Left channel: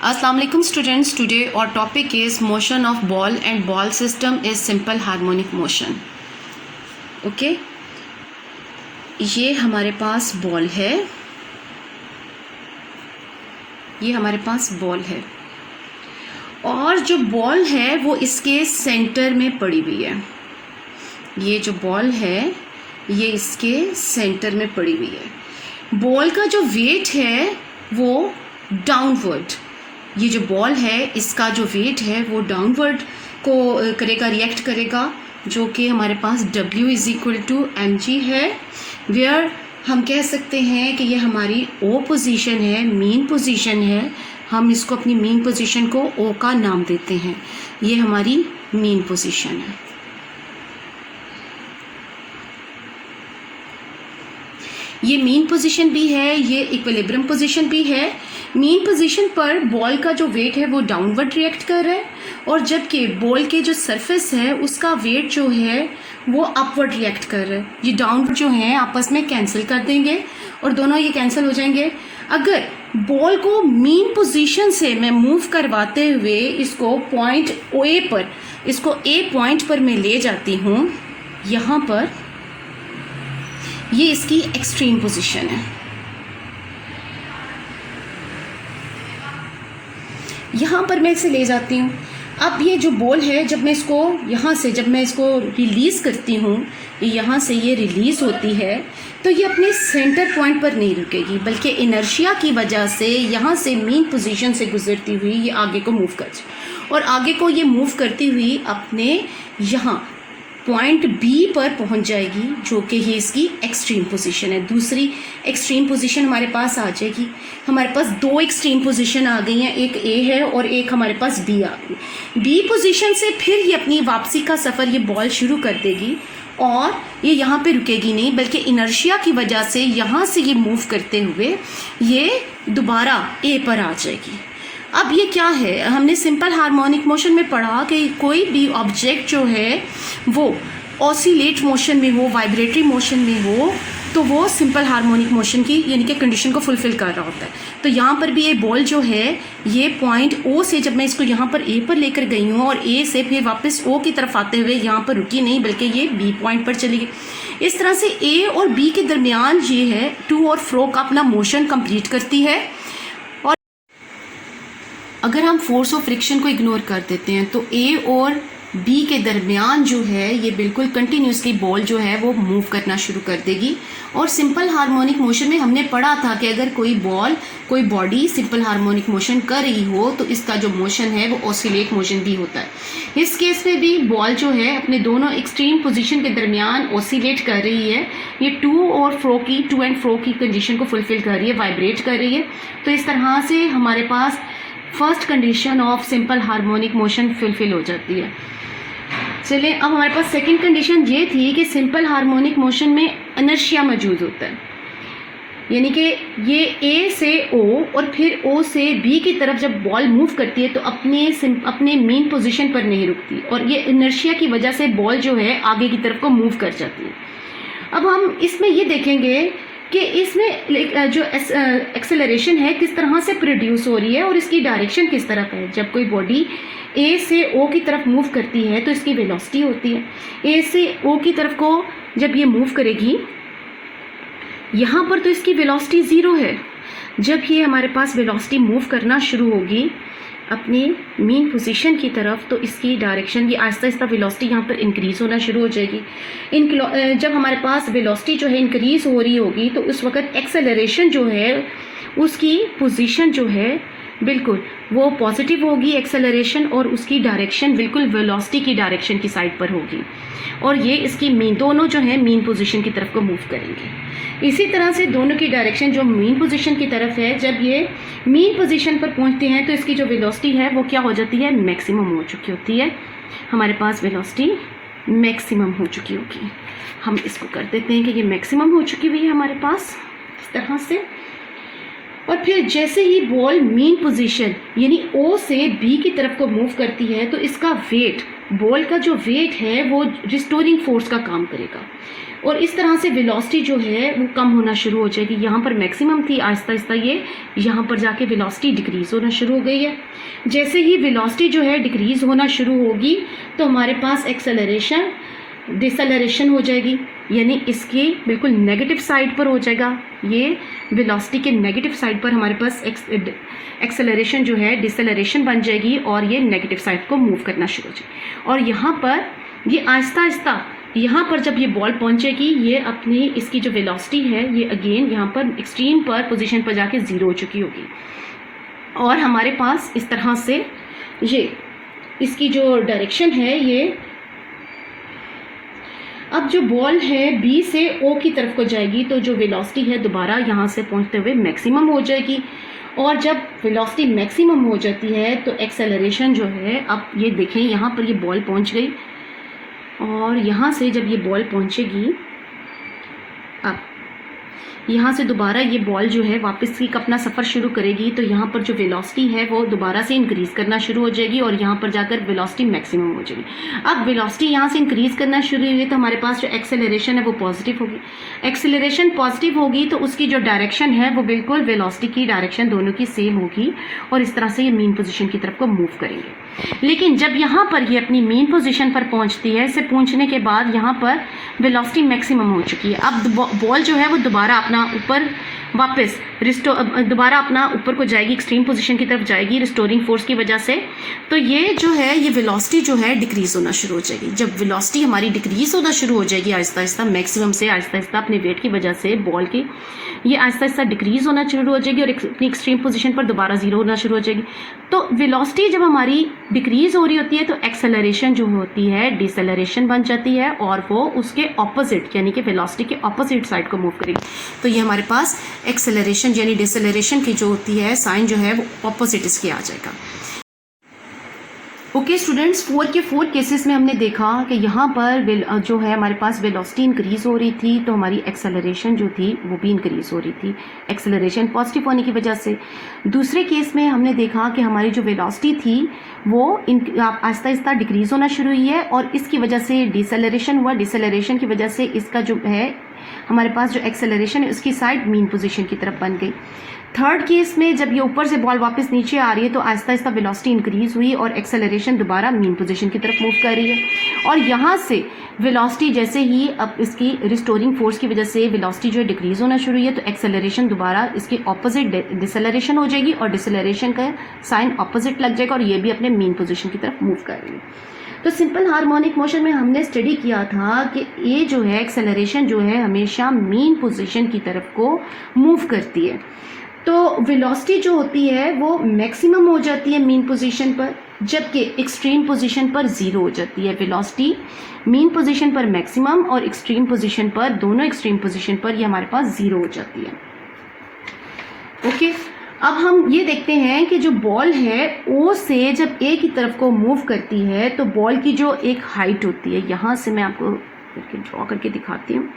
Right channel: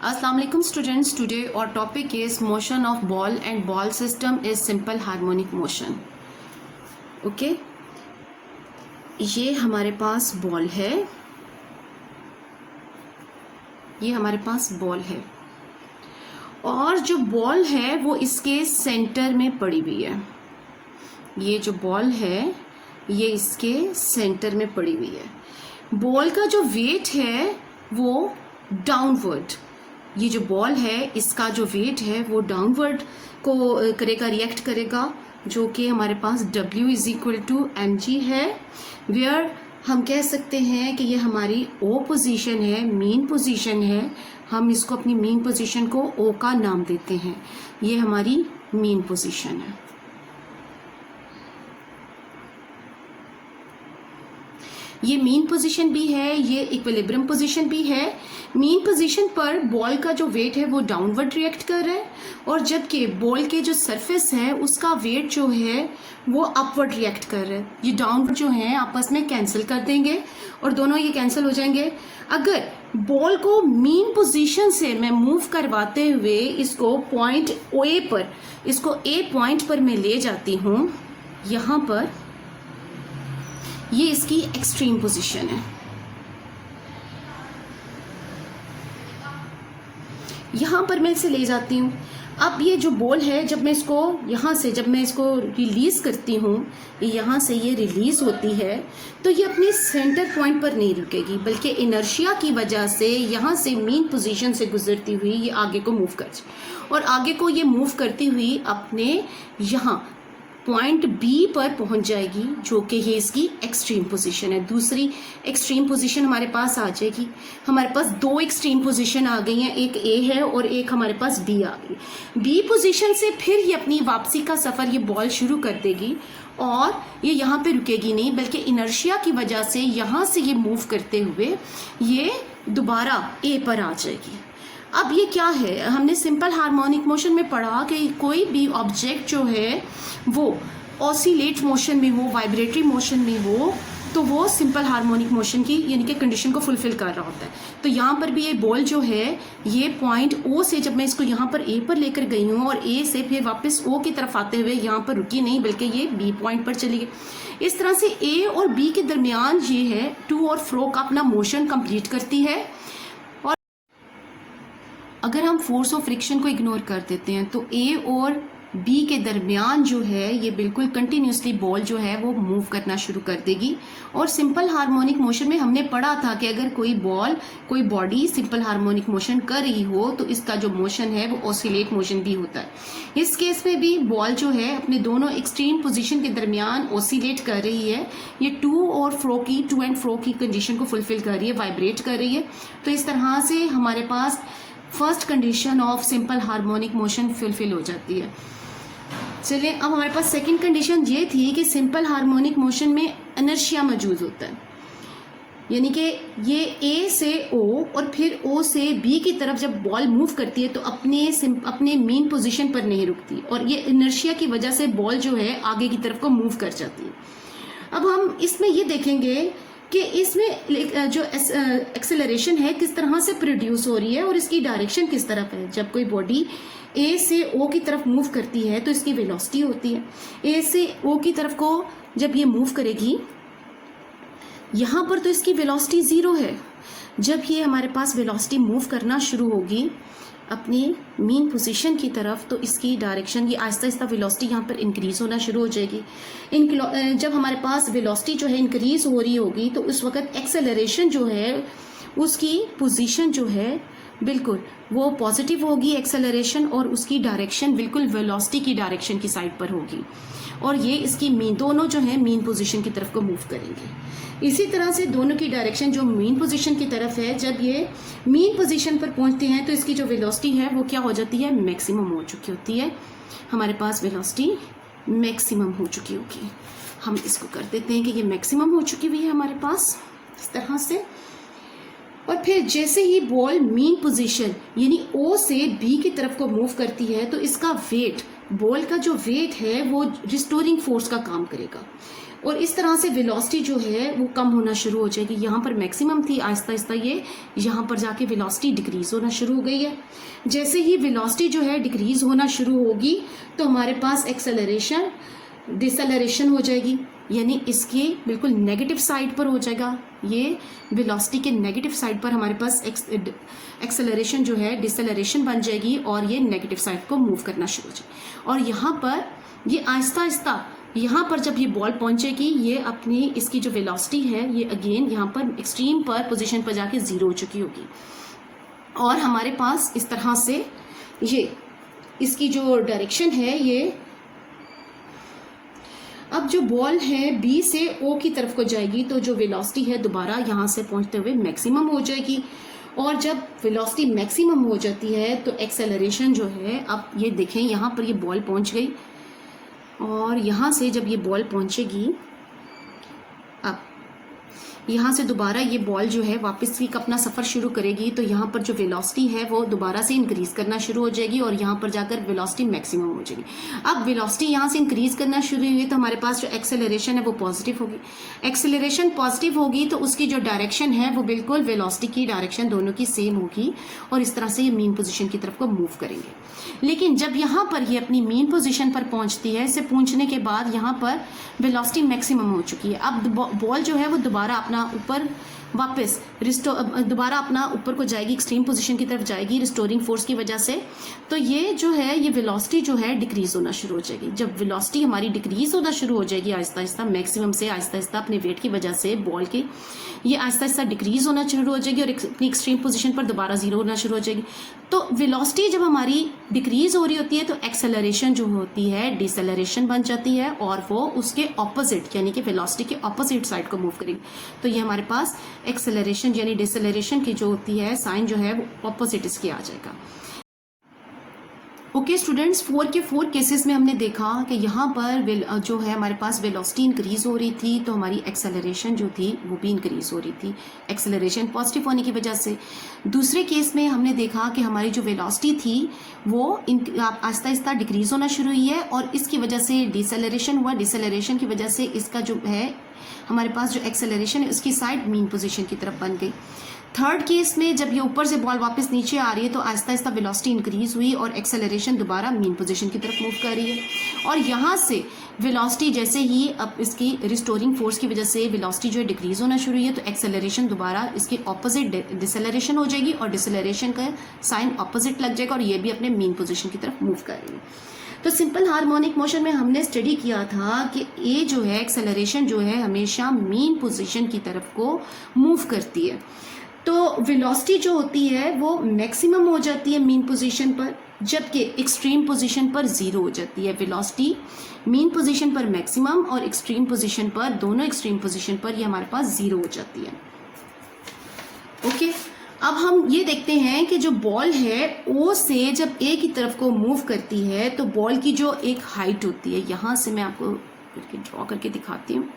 Assalamu alaikum students. Today our topic is motion of ball and ball system is simple harmonic motion. Okay, ये हमारे पास ball है, ये हमारे पास ball है और जो बॉल है वो इसके सेंटर में पड़ी हुई है। ये जो बॉल है ये इसके सेंटर में पड़ी हुई है। बॉल का जो वेट है वो डाउनवर्ड, ये जो बॉल है इसका जो वेट है वो डाउनवर्ड को करेगा, रिएक्ट करेगा, जो कि हमारे पास W = mg है। वेयर हम कह सकते हैं कि ये हमारी O पोजीशन है, मीन पोजीशन है। हम इसको अपनी मीन पोजीशन को O का नाम देते हैं। ये हमारी मीन पोजीशन है। ये मीन पोजीशन भी है, ये इक्विलिब्रियम पोजीशन भी है। मीन पोजीशन पर बॉल का जो वेट है वो डाउनवर्ड रिएक्ट कर रहा है और जबकि बॉल के जो सरफेस है उसका वेट जो है वो अपवर्ड रिएक्ट कर रहा है। ये डाउनवर्ड जो है आपस में कैंसिल कर देंगे और दोनों ये कैंसिल हो जाएंगे। अगर बॉल को मीन पोजीशन से मैं मूव करवाते हुए इसको पॉइंट ए पर, इसको ए पॉइंट पर मैं ले जाती हूँ, यहाँ पर ये इसकी एक्सट्रीम पोजीशन है। यहाँ पर मैं इसे ले जाती हूँ। अब ये जो बॉल है जब मैं इसको यहाँ से, जब मैं इसको रिलीज़ करती हूँ, यहाँ से ये रिलीज़ होती है तो ये अपने सेंटर पॉइंट पर नहीं रुकेगी, बल्कि इनर्शिया की वजह से यहाँ से मीन पोजीशन से गुजरती हुई ये आगे को मूव कर और आगे को ये मूव करती हुई अपने यहाँ पॉइंट बी पर पहुंच जाएगी, जो कि ये इसकी एक्सट्रीम पोजीशन है। दूसरी एक्सट्रीम पोजीशन हमारे पास आ जाएगी। हमारे पास दो एक्सट्रीम पोजीशन आ गई हैं, एक ए है और एक हमारे पास बी आ गई। बी पोजीशन से फिर ये अपनी वापसी का सफ़र ये बॉल शुरू कर देगी और ये यहाँ पे रुकेगी नहीं, बल्कि इनर्शिया की वजह से यहाँ से ये मूव करते हुए ये दोबारा ए पर आ जाएगी। अब ये क्या है, हमने सिंपल हार्मोनिक मोशन में पढ़ा कि कोई भी ऑब्जेक्ट जो है वो ऑसिलेट मोशन में हो, वाइब्रेटरी मोशन में हो, तो वो सिंपल हार्मोनिक मोशन की यानी कि कंडीशन को फुलफिल कर रहा होता है। तो यहाँ पर भी ये बॉल जो है ये पॉइंट O से जब मैं इसको यहाँ पर A पर लेकर गई हूँ और A से फिर वापस O की तरफ आते हुए यहाँ पर रुकी नहीं, बल्कि ये B पॉइंट पर चली गई। इस तरह से A और B के दरमियान ये है टू और फ्रो का अपना मोशन कंप्लीट करती है। और अगर हम फोर्स ऑफ फ्रिक्शन को इग्नोर कर देते हैं तो A और B के दरमियान जो है ये बिल्कुल कंटिन्यूसली बॉल जो है वो मूव करना शुरू कर देगी। और सिंपल हार्मोनिक मोशन में हमने पढ़ा था कि अगर कोई बॉल, कोई बॉडी सिंपल हार्मोनिक मोशन कर रही हो तो इसका जो मोशन है वो ऑसिलेट मोशन भी होता है। इस केस में भी बॉल जो है अपने दोनों एक्सट्रीम पोजीशन के दरमियान ऑसिलेट कर रही है। ये टू एंड फ्रो की कंडीशन को फुलफिल कर रही है, वाइब्रेट कर रही है। तो इस तरह से हमारे पास first condition of simple harmonic motion fulfil हो जाती है। चलिए अब हमारे पास सेकंड कंडीशन ये थी कि सिंपल हार्मोनिक मोशन में इनर्शिया मौजूद होता है, यानी कि ये A से O और फिर O से B की तरफ जब बॉल मूव करती है तो अपने मेन पोजीशन पर नहीं रुकती और ये इनर्शिया की वजह से बॉल जो है आगे की तरफ को मूव कर जाती है। अब हम इसमें ये देखेंगे कि इसमें जो एक्सेलरेशन है किस तरह से प्रोड्यूस हो रही है और इसकी डायरेक्शन किस तरफ है। जब कोई बॉडी A से O की तरफ मूव करती है तो इसकी वेलोसिटी होती है। A से O की तरफ को जब ये मूव करेगी यहाँ पर तो इसकी वेलोसिटी 0 है। जब ये हमारे पास वेलोसिटी मूव करना शुरू होगी अपनी मेन पोजीशन की तरफ तो इसकी डायरेक्शन, ये आहिस्ता आहिस्ता वेलोसिटी यहाँ पर इंक्रीज़ होना शुरू हो जाएगी। जब हमारे पास वेलोसिटी जो है इंक्रीज़ हो रही होगी तो उस वक्त एक्सेलरेशन जो है उसकी पोजीशन जो है बिल्कुल वो पॉजिटिव होगी एक्सेलरेशन और उसकी डायरेक्शन बिल्कुल वेलोसिटी की डायरेक्शन की साइड पर होगी और ये इसकी दोनों जो है मीन पोजीशन की तरफ को मूव करेंगे। इसी तरह से दोनों की डायरेक्शन जो मीन पोजीशन की तरफ है, जब ये मीन पोजीशन पर पहुंचते हैं तो इसकी जो वेलोसिटी है वो क्या हो जाती है, मैक्सिमम हो चुकी होती है। हमारे पास वेलोसिटी मैक्सिमम हो चुकी होगी। हम इसको कर देते हैं कि ये मैक्सिमम हो चुकी हुई है हमारे पास इस तरह से। और फिर जैसे ही बॉल मीन पोजीशन यानी O से B की तरफ को मूव करती है तो इसका वेट, बॉल का जो वेट है वो रिस्टोरिंग फोर्स का काम करेगा। और इस तरह से वेलोसिटी जो है वो कम होना शुरू हो जाएगी। यहाँ पर मैक्सिमम थी, आहिस्ता आहिस्ता ये यहाँ पर जाके वेलोसिटी डिक्रीज़ होना शुरू हो गई है। जैसे ही वेलोसिटी जो है डिक्रीज़ होना शुरू होगी तो हमारे पास एक्सेलरेशन डिसेलरेशन हो जाएगी, यानी इसकी बिल्कुल नेगेटिव साइड पर हो जाएगा। ये वेलोसिटी के नेगेटिव साइड पर हमारे पास एक्सेलरेशन जो है डिसेलरेशन बन जाएगी और ये नेगेटिव साइड को मूव करना शुरू हो जाएगी। और यहाँ पर ये आहिस्ता आहिस्ता यहाँ पर जब ये बॉल पहुँचेगी, ये अपनी इसकी जो वेलोसिटी है ये अगेन यहाँ पर एक्सट्रीम पर पोजीशन पर जाके ज़ीरो हो चुकी होगी। और हमारे पास इस तरह से ये इसकी जो डायरेक्शन है, ये अब जो बॉल है बी से ओ की तरफ को जाएगी तो जो वेलोसिटी है दोबारा यहाँ से पहुँचते हुए मैक्सिमम हो जाएगी। और जब वेलोसिटी मैक्सिमम हो जाती है तो एक्सेलरेशन जो है, अब ये देखें यहाँ पर ये बॉल पहुँच गई और यहाँ से जब ये बॉल पहुँचेगी, अब यहाँ से दोबारा ये बॉल जो है वापस की अपना सफ़र शुरू करेगी तो यहाँ पर जो वेलोसिटी है वो दोबारा से इंक्रीज़ करना शुरू हो जाएगी और यहाँ पर जाकर वेलोसिटी मैक्सिमम हो जाएगी। अब वेलोसिटी यहाँ से इंक्रीज़ करना शुरू हुई तो हमारे पास जो एक्सेलरेशन है वो पॉजिटिव होगी। एक्सेलरेशन पॉजिटिव होगी तो उसकी जो डायरेक्शन है वो बिल्कुल वेलोसिटी की डायरेक्शन दोनों की सेम होगी और इस तरह से ये मीन पोजीशन की तरफ को मूव करेंगे। लेकिन जब यहाँ पर ये अपनी मीन पोजीशन पर पहुँचती है, इसे पहुँचने के बाद यहाँ पर वेलोसिटी मैक्सिमम हो चुकी है। अब बॉल जो है वो दोबारा अपना ऊपर वापस दोबारा अपना ऊपर को जाएगी, एक्सट्रीम पोजीशन की तरफ जाएगी रिस्टोरिंग फोर्स की वजह से। तो ये जो है ये वेलोसिटी जो है डिक्रीज़ होना शुरू हो जाएगी। जब वेलोसिटी हमारी डिक्रीज़ होना शुरू हो जाएगी आहिस्ता आहिस्ता, मैक्सिमम से आहिस्ता आहिस्ता अपने वेट की वजह से बॉल की ये आहिस्ता आहिस्ता डिक्रीज़ होना शुरू हो जाएगी और अपनी एक्सट्रीम पोजीशन पर दोबारा ज़ीरो होना शुरू हो जाएगी। तो वेलोसिटी जब हमारी डिक्रीज़ हो रही होती है तो एक्सेलरेशन जो होती है डिसेलरेशन बन जाती है और वो उसके ऑपोजिट यानी कि वेलोसिटी के ऑपोजिट साइड को मूव करेगी। तो ये हमारे पास एक्सेलरेशन यानी डिसेलरेशन की जो होती है साइन जो है वो ऑपोजिट इसके आ जाएगा। ओके स्टूडेंट्स, 4 के 4 केसेस में हमने देखा कि यहाँ पर जो है हमारे पास वेलोसिटी इंक्रीज़ हो रही थी तो हमारी एक्सेलरेशन जो थी वो भी इंक्रीज़ हो रही थी, एक्सेलरेशन पॉजिटिव होने की वजह से। दूसरे केस में हमने देखा कि हमारी जो वेलोसिटी थी वो आहिस्ता आहिस्ता डिक्रीज़ होना शुरू हुई है और इसकी वजह से डिसेलरेशन हुआ। डिसेलरेशन की वजह से इसका जो है हमारे पास जो एक्सेलरेशन है उसकी साइड मीन पोजीशन की तरफ बन गई। थर्ड केस में जब ये ऊपर से बॉल वापस नीचे आ रही है तो आहिस्ता आहिस्ता वेलोसिटी इंक्रीज़ हुई और एक्सेलरेशन दोबारा मीन पोजीशन की तरफ मूव कर रही है। और यहाँ से वेलोसिटी जैसे ही अब इसकी रिस्टोरिंग फोर्स की वजह से वेलोसिटी जो है डिक्रीज़ होना शुरू हुई है तो एक्सेलरेशन दोबारा इसके ऑपोजिट डिसेलरेशन हो जाएगी और डिसेलरेशन का साइन ऑपोजिट लग जाएगा और ये भी अपने मीन पोजीशन की तरफ मूव कर रही है। तो सिंपल हार्मोनिक मोशन में हमने स्टडी किया था कि ये जो है एक्सेलरेशन जो है हमेशा मीन पोजीशन की तरफ को मूव करती है। तो वेलोसिटी जो होती है वो मैक्सिमम हो जाती है मीन पोजीशन पर, जबकि एक्सट्रीम पोजीशन पर ज़ीरो हो जाती है। वेलोसिटी मीन पोजीशन पर मैक्सिमम और एक्सट्रीम पोजीशन पर, दोनों एक्सट्रीम पोजीशन पर ये हमारे पास ज़ीरो हो जाती है। ओके, अब हम ये देखते हैं कि जो बॉल है ओ से जब ए की तरफ को मूव करती है तो बॉल की जो एक हाइट होती है, यहाँ से मैं आपको करके ड्रॉ करके दिखाती हूँ।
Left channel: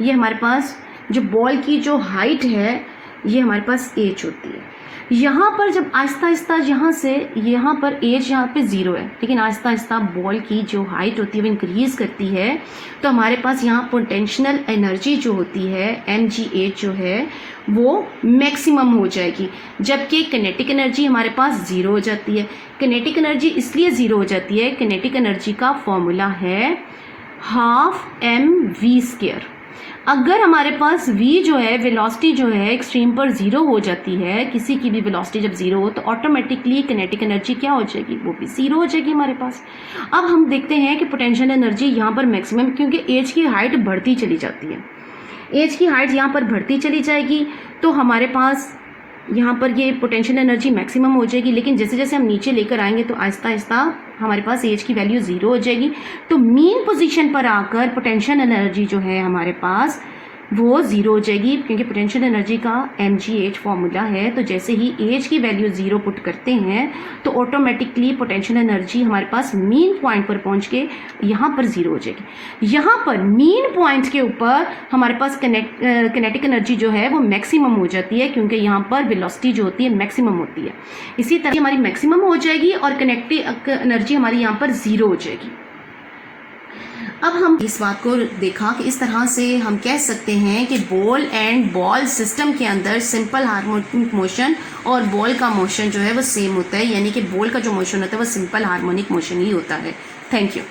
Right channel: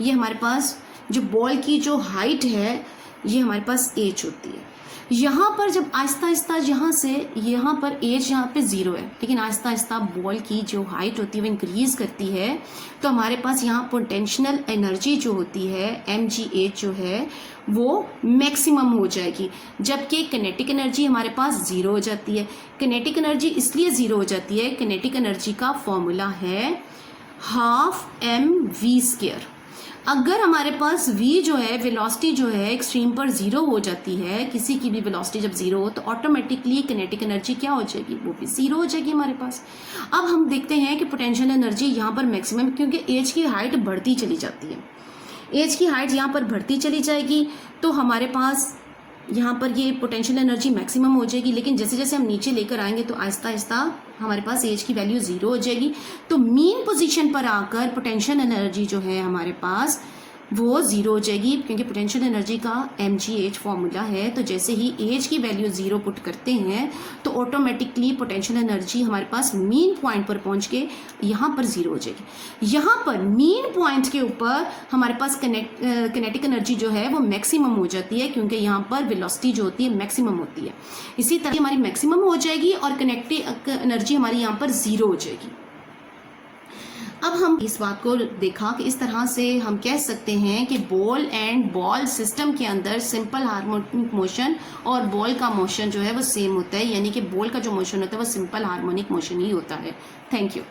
ये हमारे पास जो बॉल की जो हाइट है ये हमारे पास एज होती है। यहाँ पर जब आहिस्ता आहिस्ता यहाँ से यहाँ पर एज यहाँ पे ज़ीरो है, लेकिन आहिस्ता आहिस्ता बॉल की जो हाइट होती है वो इंक्रीज़ करती है तो हमारे पास यहाँ पोटेंशियल एनर्जी जो होती है mgh जो है वो मैक्सिमम हो जाएगी, जबकि किनेटिक एनर्जी हमारे पास ज़ीरो हो जाती है। किनेटिक एनर्जी इसलिए ज़ीरो हो जाती है, किनेटिक एनर्जी का फॉर्मूला है ½ mv²। अगर हमारे पास v जो है वेलोसिटी जो है एक्सट्रीम पर ज़ीरो हो जाती है, किसी की भी वेलोसिटी जब ज़ीरो हो तो ऑटोमेटिकली किनेटिक एनर्जी क्या हो जाएगी, वो भी ज़ीरो हो जाएगी हमारे पास। अब हम देखते हैं कि पोटेंशियल एनर्जी यहाँ पर मैक्सिमम, क्योंकि एज की हाइट बढ़ती चली जाती है, एज की हाइट यहाँ पर बढ़ती चली जाएगी तो हमारे पास यहाँ पर ये पोटेंशियल एनर्जी मैक्सिमम हो जाएगी। लेकिन जैसे जैसे हम नीचे लेकर आएंगे तो आहिस्ता आहिस्ता हमारे पास एज की वैल्यू ज़ीरो हो जाएगी। तो मीन पोजीशन पर आकर पोटेंशियल एनर्जी जो है हमारे पास वो ज़ीरो हो जाएगी, क्योंकि पोटेंशियल एनर्जी का mgh फॉर्मूला है। तो जैसे ही एज की वैल्यू ज़ीरो पुट करते हैं तो ऑटोमेटिकली पोटेंशियल एनर्जी हमारे पास मीन पॉइंट पर पहुंच के यहाँ पर ज़ीरो हो जाएगी। यहाँ पर मीन पॉइंट के ऊपर हमारे पास किनेटिक एनर्जी जो है वो मैक्सिमम हो जाती है, क्योंकि यहाँ पर वेलोसिटी जो होती है मैक्सिमम होती है। इसी तरह हमारी मैक्सिमम हो जाएगी और किनेटिक एनर्जी हमारी यहाँ पर ज़ीरो हो जाएगी। अब हम इस बात को देखा कि इस तरह से हम कह सकते हैं कि बॉल एंड बॉल सिस्टम के अंदर सिंपल हार्मोनिक मोशन और बॉल का मोशन जो है वो सेम होता है, यानी कि बॉल का जो मोशन होता है वो सिंपल हार्मोनिक मोशन ही होता है। Thank you.